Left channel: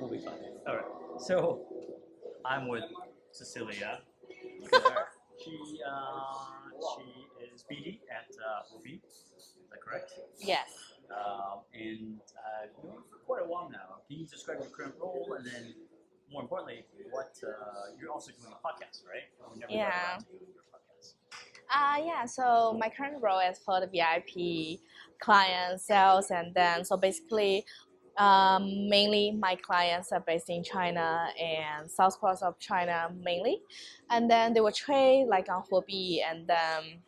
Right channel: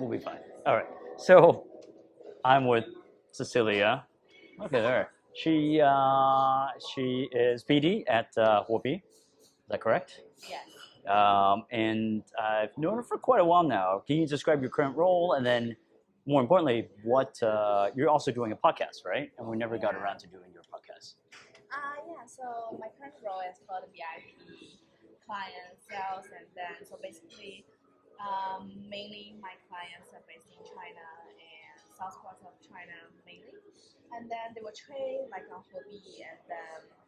We'll be fine. All right. So I'm with Cecilia. Okay, there. She is BD at Huobi. Is that correct? Yes. And I've known her for quite a while now. Can you describe your current role, and then, more importantly, what you're also doing a podcast, right? And we never got around Yeah. to doing your podcast. Yeah. So my current role is for the VIP client sales, and then so basically, mainly my clients are based in China and south coast of China mainly, and then they will trade like on Huobi and then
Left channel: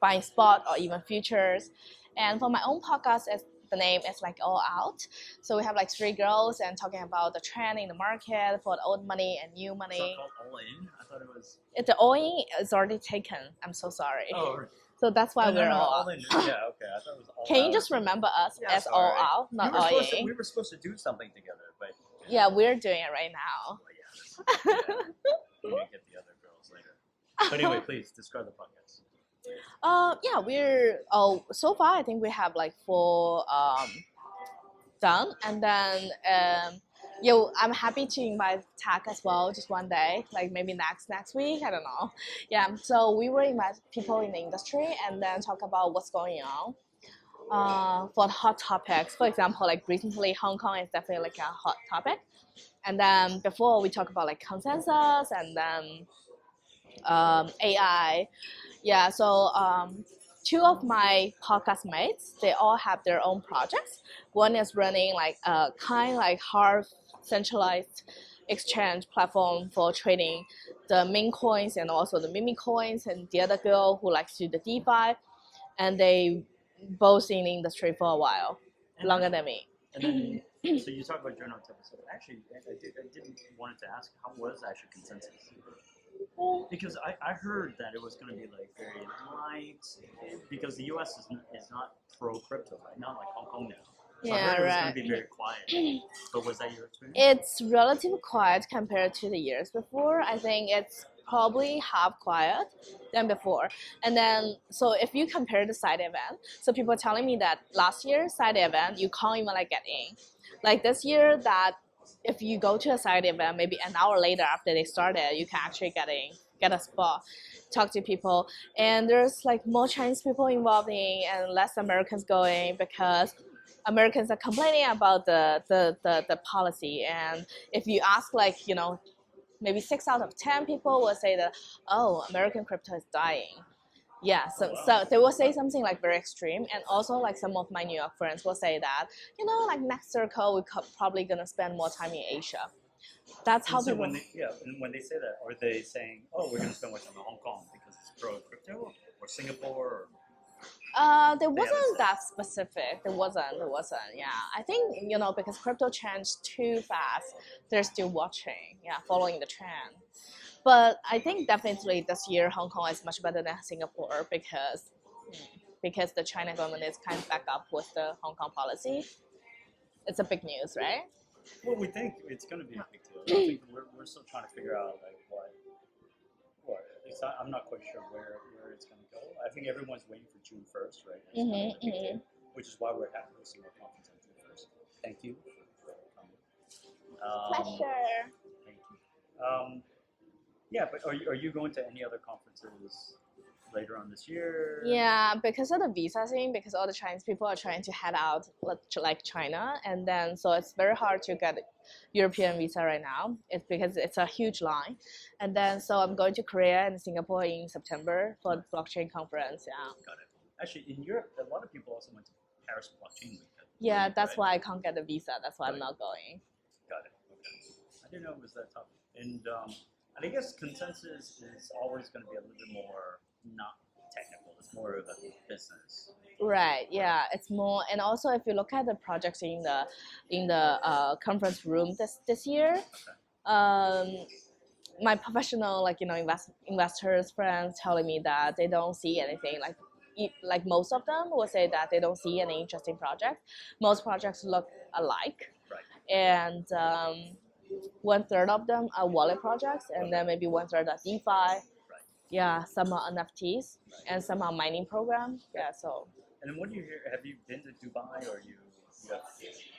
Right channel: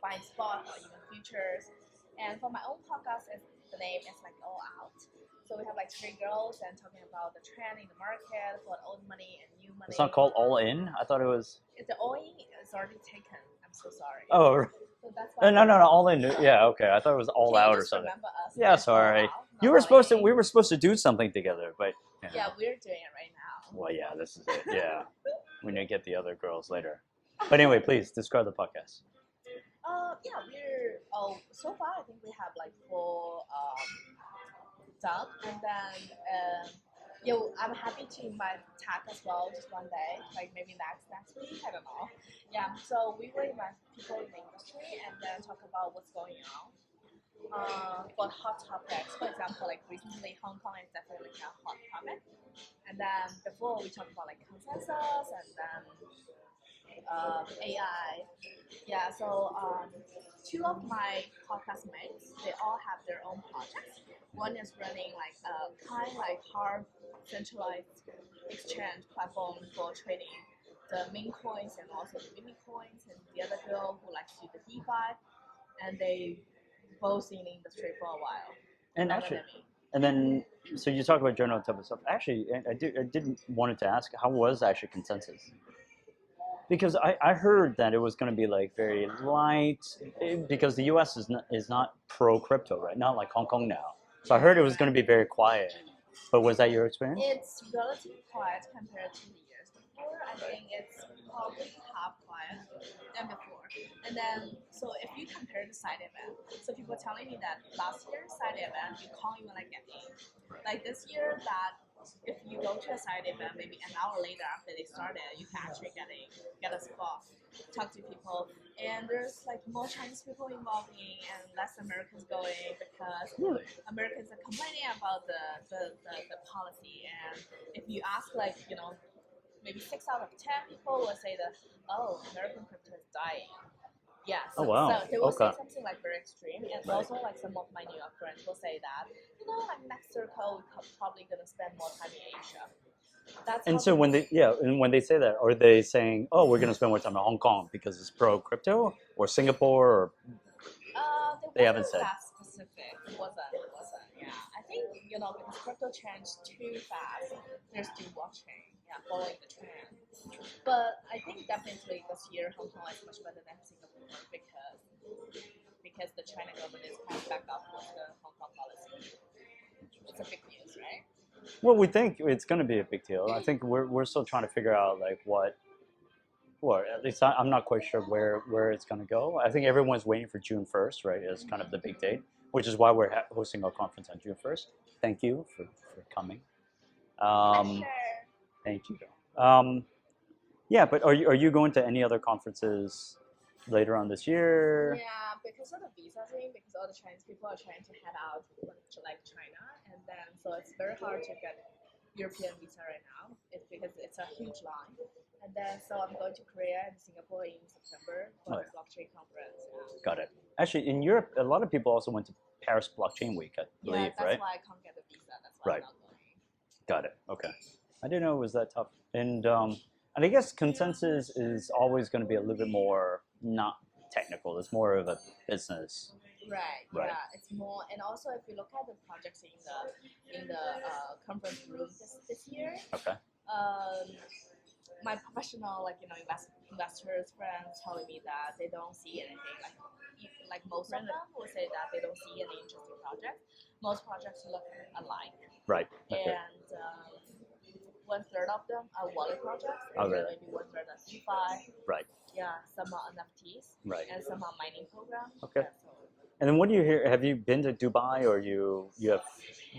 buying spot or even futures. And for my own podcast, the name is like All Out. So we have like three girls and talking about the trend in the market for the old money and new money. It's not called All In. I thought it was. The all in is already taken. I'm so sorry. Oh. So that's why No, we're all in. Yeah, okay. I thought it was all Can out. you or just something. remember us Yeah, as sorry. All Out, not You were all supposed to. in? We were supposed to do something together, but Yeah, we're doing it right now. well, yeah, this is it. Yeah, we need to get the other girls later. But anyway, please describe the podcast. Yeah, we're so far I think we have like four done, and then yeah, I'm happy to invite Tak as well, just one day, like maybe next week, I don't know. Yeah, so we will invite people in the industry and then talk about what's going on. For hot topics, for example, like recently Hong Kong is definitely like a hot topic, and then before we talk about like consensus and then AI. Yeah, so two of my podcast mates, they all have their own projects. One is running like a kind like hard centralized exchange platform for trading the meme coins and also the meme coins, and the other girl who likes to do the DeFi, and they both in the industry for a while, And longer actually, than me. and then, so you talk about journal type of stuff. Actually, I did wanted to ask, how was actually consensus? Because I heard that it was going to be like very light, because the U.S. is not pro crypto, right? Not like Hong Kong now. So I heard it was going to be very quiet. But was that your experience? It's relatively quiet compared to the years before. I think it's probably half quiet than before. And then, so if you compare the side event, so people are telling me that last year side event you can't even like get in. Like this year, that if you go to a side event, maybe an hour later after they started, you can actually get a spot, talk to people, and there's like more Chinese people involved in and less Americans going because Americans are complaining about the policy. And if you ask like, maybe 6 out of 10 people will say that, oh, American crypto is dying. Yeah, so, Oh, wow. so they will say Okay. something like very extreme, and also like some of my New York friends will say that, like next circle we probably gonna spend more time in Asia. That's how. And so when they say that, are they saying, oh, we're going to spend more time in Hong Kong because it's pro crypto, or Singapore, or There they haven't wasn't said? that specific. There wasn't. Yeah, I think because crypto changed too fast, they're still watching. Yeah, following the trend. But I think definitely this year Hong Kong is much better than Singapore because the China government is kind of back up with the Hong Kong policy. It's a big news, right? Well, we think it's going to be a big deal. I think we're still trying to figure out like or at least I'm not quite sure where it's going to go. I think everyone's waiting for June 1st, right? Is kind of the big date, which is why we're hosting our conference on June 1st. Thank you for coming. Sure. Thank you. Yeah, but are you going to any other conferences later on this year? Yeah, because of the visa thing, because all the Chinese people are trying to head out like China, and then so it's very hard to get European visa right now. It's because it's a huge line, and then so I'm going to Korea and Singapore in September for the blockchain conference. Yeah. Got it. Actually, in Europe, a lot of people also went to Paris Blockchain Week. I believe, That's right? why I can't get the visa. That's why I'm not going. Got it. Okay. I didn't know it was that tough. And I guess consensus is always going to be a little bit more not technical. It's more of a business. Right. Yeah. It's more, and also if you look at the projects in the conference room this year, Okay. My professional investors friends telling me that they don't see anything like most of them will say that they don't see any interesting projects. Most projects look alike. Right. And 1/3 of them are wallet projects, and then maybe 1/3 are DeFi. Right. Yeah, some are NFTs. Right. And some are mining programs. Okay. Yeah, so. And then what do you hear? Have you been to Dubai, or you have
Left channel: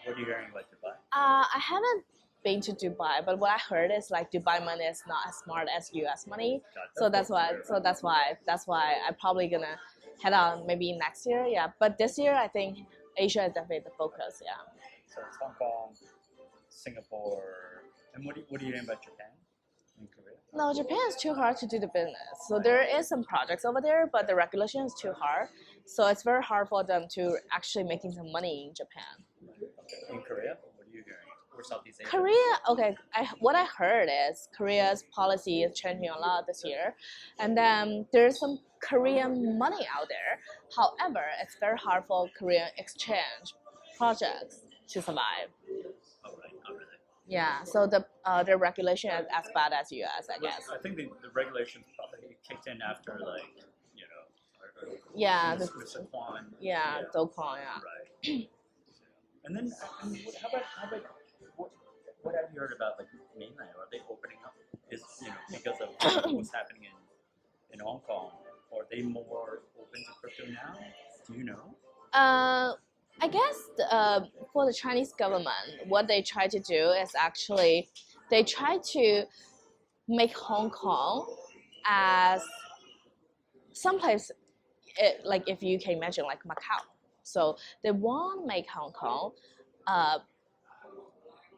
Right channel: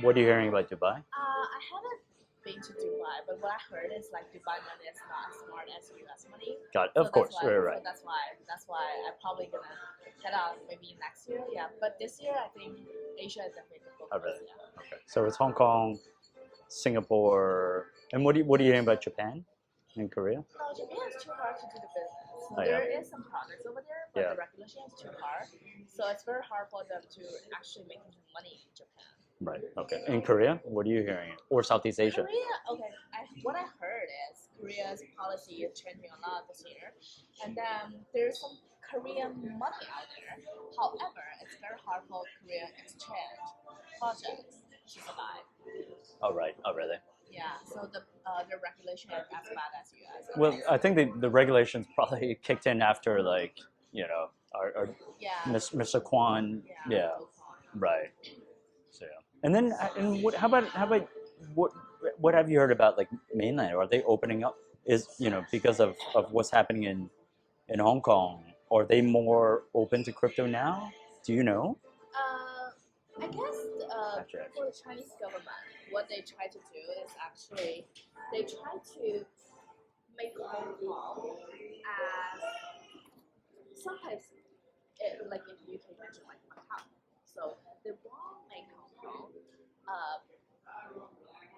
What are you hearing about Dubai? I haven't been to Dubai, but what I heard is like Dubai money is not as smart as US money. Got it. So Of that's course, why. right, right. So that's why I'm probably gonna head on maybe next year. Yeah, but this year I think Asia is definitely the focus. Okay. Yeah. Okay. So it's Hong Kong, Singapore, and what are you hearing about Japan and Korea? No, Japan is too hard to do the business. So Oh, yeah. there is some projects over there, but Yeah. the regulation is too hard. So it's very hard for them to actually making some money in Japan. Right. Okay. In Korea, what are you hearing? Or Southeast Asia? Korea, okay. What I heard is Korea's policy is changing a lot this year, and then there's some Korean money out there. However, it's very hard for Korean exchange projects to survive. Oh, right. Oh, really? Yeah. So the regulation is as bad as US. I Well, guess. I think the regulations probably kicked in after, like, our Yeah. Mr. Kwan. Yeah. Do Kwon, yeah. Right. So yeah. And then, how about what have you heard about like mainland? Are they opening up? Because of what's happening in Hong Kong? Are they more open to crypto now? Do you know? I guess for the Chinese government, what they try to do is actually they try to make Hong Kong as someplace, like if you can imagine, like Macau. So they want to make Hong Kong.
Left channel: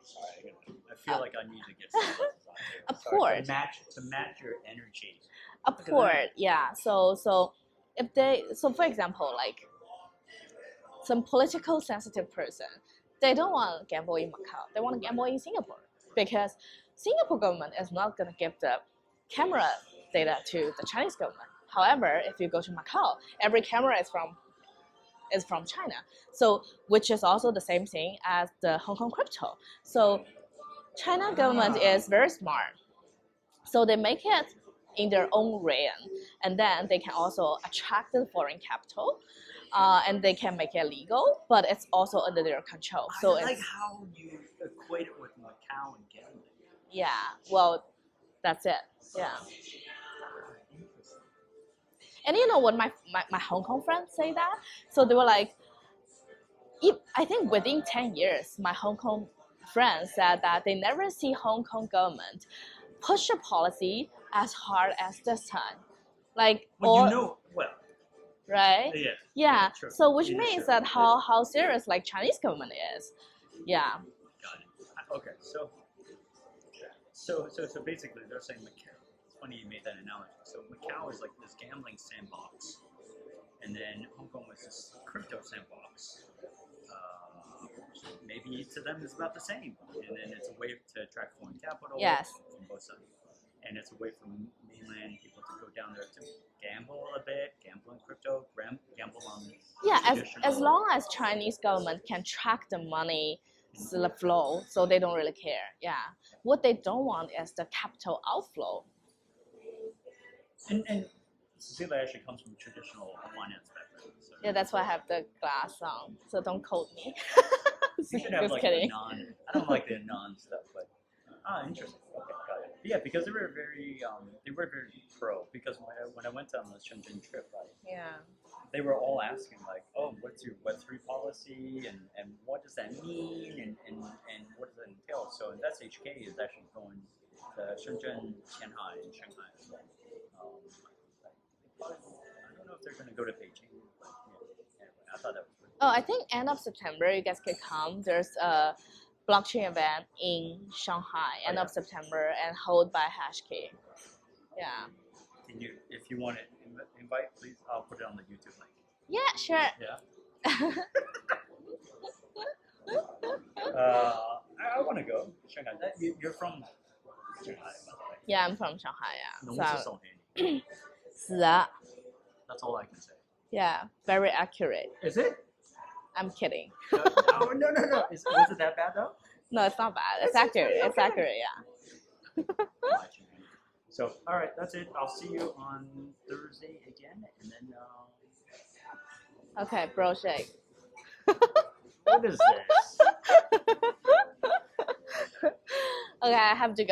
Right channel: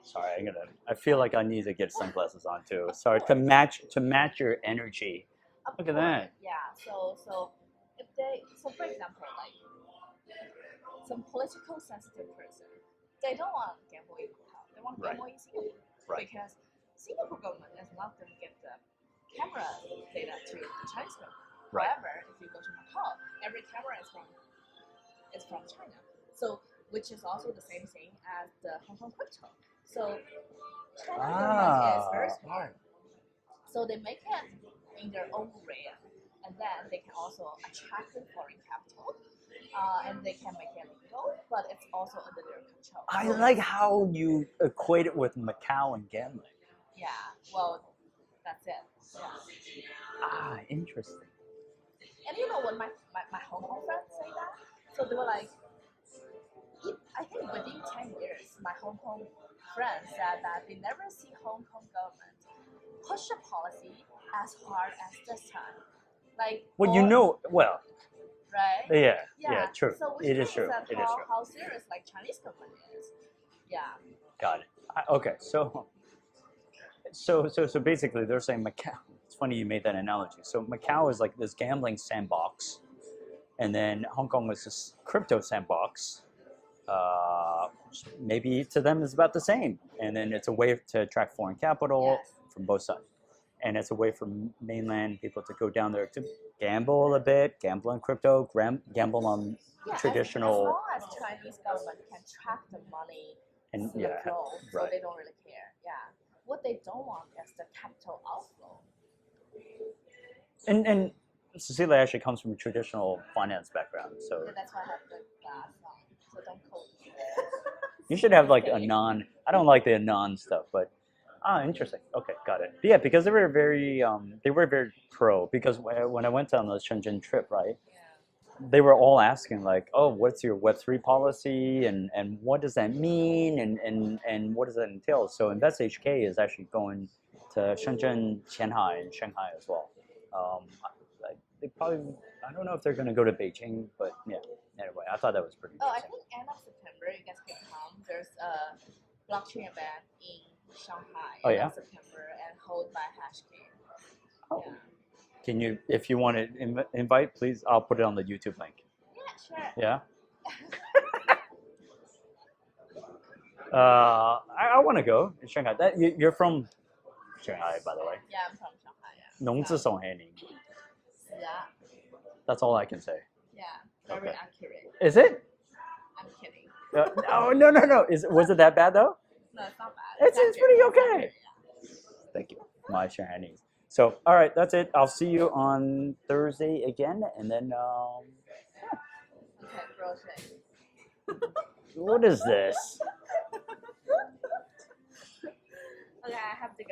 Sorry, I feel like I need to get sunglasses on too. Of Sorry, course. to match your energy. Of Look at course, that. yeah. So for example, like some political sensitive person, they don't want to gamble in Macau. They want to gamble in Singapore because Singapore government is not going to give the camera data to the Chinese government. Right. However, if you go to Macau, every camera is from China. So which is also the same thing as the Hong Kong crypto. So China government is very smart. So they make it in their own realm, and then they can also attract the foreign capital, and they can make it legal, but it's also under their control. I So like how you equate it with Macau and gambling. yeah, well, that's it. Yeah. Ah, interesting. And you know what my Hong Kong friends say that? So they were like, I think within 10 years, my Hong Kong friends said that they never see Hong Kong government push a policy as hard as this time. Like, Well, right? Yeah, true. So which It is means true. that It is how serious like Chinese government is. Yeah. Got it. Okay, so basically they're saying Macau. It's funny you made that analogy. So Macau is like this gambling sandbox, and then Hong Kong was this crypto sandbox. Maybe to them it's about the same, and then it's a way to attract foreign capital from both sides, and it's a way for mainland people to go down there to gamble a bit, gamble on crypto, gamble on traditional. As long as Chinese government can track the money, And, the flow, so right. they don't really care. Yeah, what they don't want is the capital outflow. And Cecilia actually comes from a traditional finance background, so Yeah, that's why I have the glass on. So don't quote me. you should have Just like kidding. I don't like the anon stuff, but interesting. Okay, got it. But yeah, because they were very pro. Because when I went on the Shenzhen trip, right, Yeah. they were all asking like, oh, what's your Web3 policy, and what does that mean, and what does that entail? So Invest HK is actually going to Shenzhen, Shanghai, and Shanghai as well. They probably, I don't know if they're going to go to Beijing, but yeah. Anyway, I thought that was pretty. Oh, I think end of September you guys can come. There's a blockchain event in Shanghai end of September and held by Hashkey. Oh. Yeah. Can you, if you want to invite, please, I'll put it on the YouTube link. Yeah, sure. Yeah. I want to go in Shanghai. You're from Shanghai, by the way. Yeah, I'm from Shanghai. Yeah. 农自宋黑你. 是啊. That's all I can say. Yeah, very accurate. Is it? I'm kidding. No. Was it that bad though? No, it's not bad. It's accurate. pretty okay. It's accurate. Yeah. Thank you. My Shanghainese. So, all right, that's it. I'll see you on Thursday again, and then. Okay, bro shake. What is this? Okay, I have to go.